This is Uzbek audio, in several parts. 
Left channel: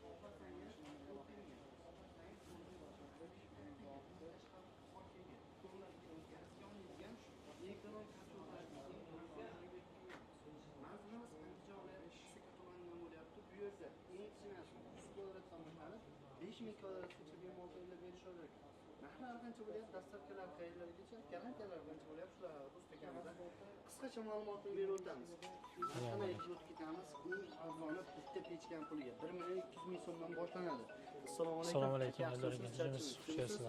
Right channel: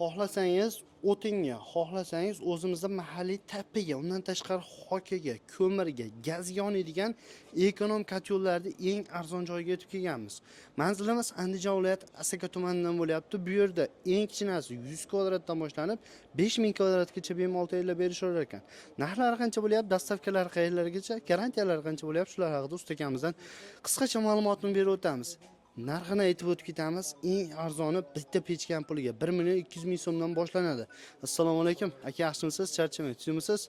xohlasangiz o'tinga, xohlasangiz o'zimizda mahalliy tapiga, undan tashqari hokaga, ko'mirga, gazga yonadigan ekonom kotyollarni eng arzon joyga yetib kelganmiz. Manzilimiz Andijon viloyati Asaka tumanidan bo'lyapti. Bu yerda eng kichkinasi 100 kvadratdan boshlanib 5000 kvadratgacha bemalol tayyorlab berishaver ekan. Narxlari qancha bo'lyapti, dastavkalar qayerlargacha, garantiyalari qancha bo'lyapti, shular haqida usta akamizdan qisqacha ma'lumotni berib o'tamiz. Narxini aytib o'tib ketamiz. Eng arzoni bitta pechkan puliga 1.200.000 so'mdan boshlanadi. Assalomu alaykum. Aka, yaxshimisiz? Charchamay tushimisiz?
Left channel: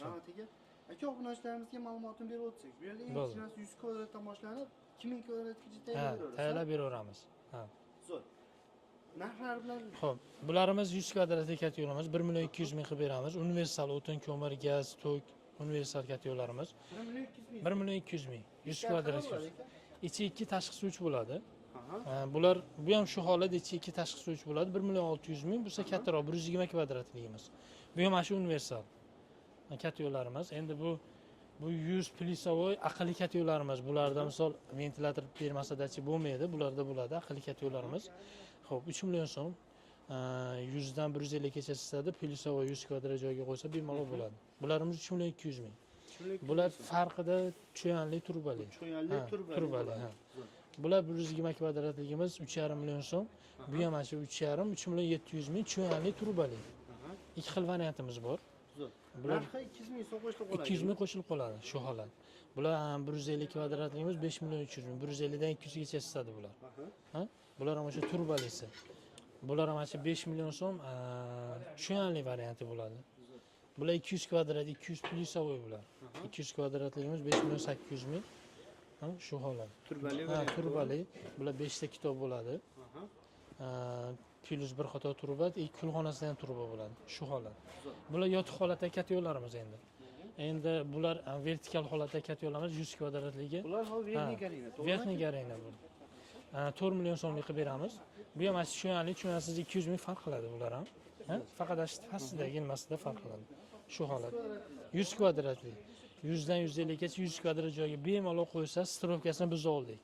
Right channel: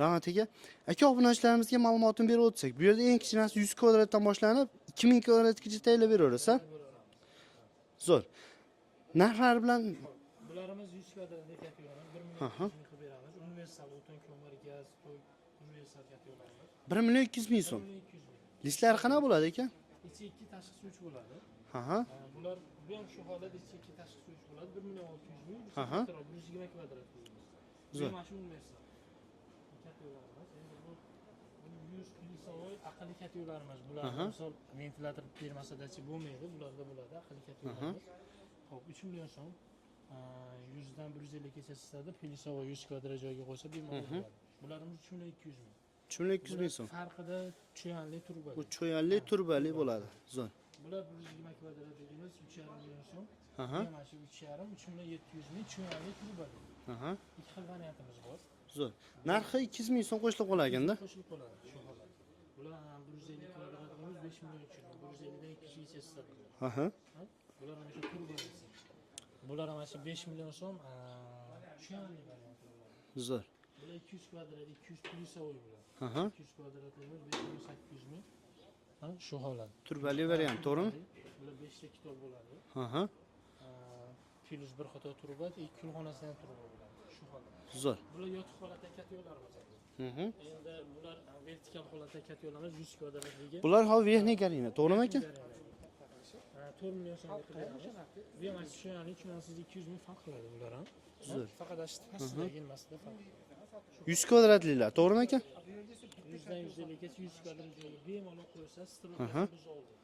Rahmat aka. Aka, obunachilarimizga ma'lumotni berib o'tsak, bu yerda eng kichkinasi 100 kvadratdan boshlanib 2000 kvadratgacha tayyorlab beraverasiz. Tayyorlab beraveramiz. Zo'r. Narxlar bilan xo'p, bularimiz 100 kvadratli katyolamiz 1.200.000 qilib beramiz. Universal o'tin, ko'mir, gaz, tok, universal katyollarimiz 1.200.000 so'm. 1.200.000. Listlari qanaqa bo'ladi aka? Ichi 2 tashqi suvchi bo'ladi. Aha. Bular bu ham shu holat ichi 2 tashqi suvchi bo'ladi. 1.600.000, bu kattaroq 120 kvadratligimiz. Bu ham shu universal katyollarimiz. Endi bu 100 plyusovoy aqlli katyollarimiz. Bularda misol ventilyator bermasadachi bo'lmaydi, bularda bo'ladi aqlli katyollarimiz. Xo'p, 3 million so'm 100 dan 150 gacha sizadi, plyusovoy 100 kvadrat joyga qo'ysa bemalol bo'ladi. Bularimiz 3.200.000. 3.200.000 Bular so'm. farqida cho'yanli turbali. Cho'yanli turbali bo'ladi. Zo'r. Bular 120 kvadratligimiz 3.5 million so'm. Bu ham shu 3.5 3.700.000 cho'yanli turbali. Aha. Ikki xil variantimiz bor. Zo'r. Narxi 200.000 so'm qo'shilib qolganda. 200.000 qo'shilib qoladi shu holat. Bular 150 kvadratligimiz 5.300.000. 150 dan 200 gacha sizadi bular. Aha. Ha? Bular ham o'sha turbalisi. Bular ham 5 million so'm cho'yanli varianti bo'ladi. Zo'r. Bular 200 kvadrat, 200 plyusovoy bular. 200 kvadratligimiz 5.800.000. Ha, shu holat. Turbali variant, to'g'rimi? Bular 5 ta kitob bo'ladi. Aha. Plus bir qator turba, kulxonasida ham turba bo'ladi. Shu holat. Zo'r. Bular yotiq holatda katyollarimiz endi. Endi bular vertikal holatda katyollarimiz 100 kvadratligi. Bular hozir verniy garina, to'g'rimi aka? Verniy garina bu. 4 million so'mlik qilib beramiz. Bu ham shu yo'nalik, tushunasiz 200.000 farq qiladi bular ham. Faqat pastidagi ilmasida farq qiladi. Shu 100 kvadratliklar, to'g'rimi aka? 100 dan 150 gacha 100 kvadrat joyga bemalol qo'ysa, strovkasini biz oldik.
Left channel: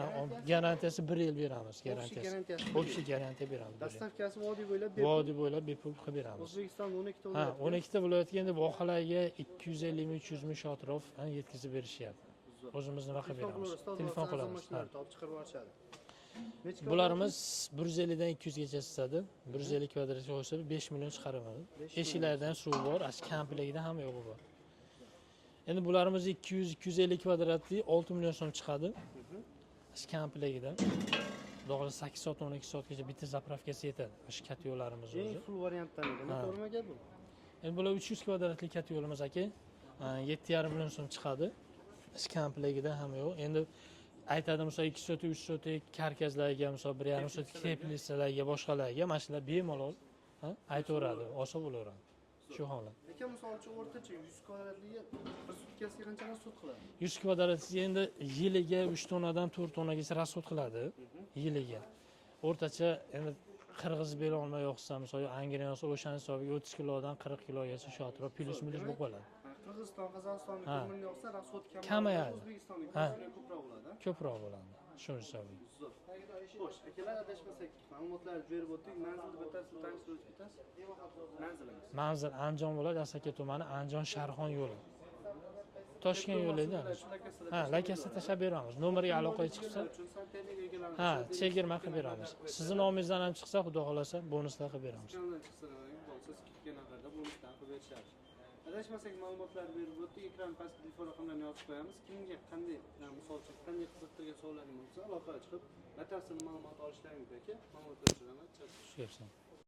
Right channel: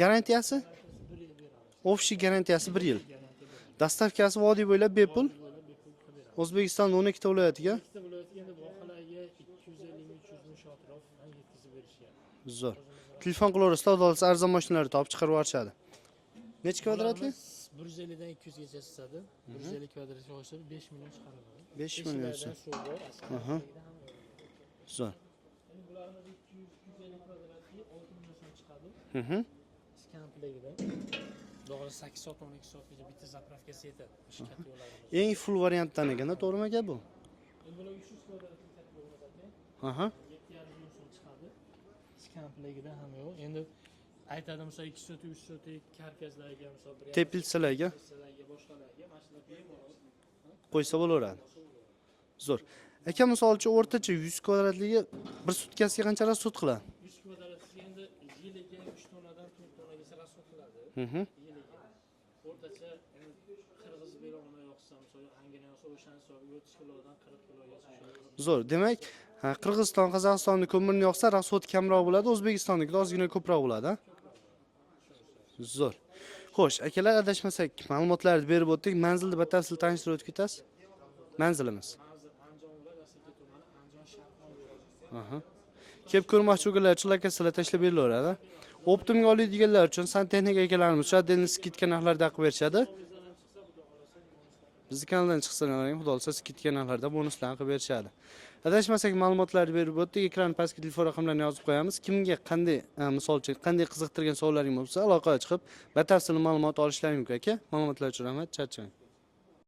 Garantiyasi? Garantiyasi 1 yil beramiz. Ofshi garantiyasi 1 yil. Garantiya beramiz. Dastavkasi vodiy bo'ylab bepul. Vodiy bo'ylab bepul qilib beramiz. O'zbekistonning 12 ta viloyatiga. 12 ta viloyatga endi vohalarga 250-300 shu atrof yetkazib berishyapti. Zo'r. O'zimizning Telefon qilaverasizlar, odolsiz arzon mashinalarni topib chiqarib yuborishadi. Necha kvadratli? Bularimiz 150 dan 200 gacha sizadi. 150 kvadratga olsa 5 million chiqaramiz. 5 million. Eshiklardan suv bor, kamligida hamma yo'g'i bor. Zo'r. Endi bularimiz 200-250 kvadratli 6 million so'm chiqadi. Kampligida. Doğru 8 soat 12 soatgacha bitta zapravkasi yetadi. Shu katyollarimiz. Eng full variantdan ekan, to'g'rimi aka bu? Endi bular 300 kvadratli katyolimiz aka. 7.5 million so'm chiqadi. Kampligida hamma yo'q. Endi aytadi misol 2 soat 3 soat karkazlarga misol 1.5 teplitsalarga boshqalarga mana shular bemalol qo'ysa bo'laveradi. Olsa bo'laveradi. Zo'r. Aka, misol uchun o'rtacha 100 kvadratligi bir sutkasiga qancha rasxod qiladi? 100 kvadratli endi yiliga 3 tonnadan 4 tonnagacha rasxod qiladi. Yiliga. O'rtacha endi qirg'iz bera olmay yo'qsa, misol Angren olsa o'shaning hisobiga 30 kilodan 40 kilogacha shu atrof. Zo'r. Demak, Qirg'iziston, Qozog'istonning ko'mirni yoqsa rasxod kamroq bo'ladi, O'zbekistonniki ozgina ko'proq bo'ladi. Ko'proq bo'ladi. Shuni hisobiga. Zo'r. Xo'sh, akalar, adashmasak, ma'lumotlarni berib o'tdik. Manzilni batafsil tanishtirib o'tib ketasiz? Manzilimiz. Manzil Andijon viloyati Asaka tumani, Andijon Sharxon yo'li. Kelib ko'rmoqchi bo'lganlar uchun lokasiyalar tashlab berilaveradi. Optimga oladiganlar uchun santexnika akalarimiz shaddengiz skidka narxlarda qilib berishadi. Nomingizdan ham chiqsa, xudo xolasa bonuslar qilib beradi. Bizning kanaldan chiqsalar ham xudo xolasa skidka narxlarda bonuslar qilib berishadi. Adashmasak, ma'lumotlarni berib o'tdik. Ekran pastga telefon raqamlarini yozib qo'yamiz. Kimga qanday, misol uchun, qanday qiziqtirgan savollaringiz bo'lsa, aloqaga chiqib batafsil ma'lumot olishlaring mumkin aka. Ma'lumotlar uchun rahmat. Charchang.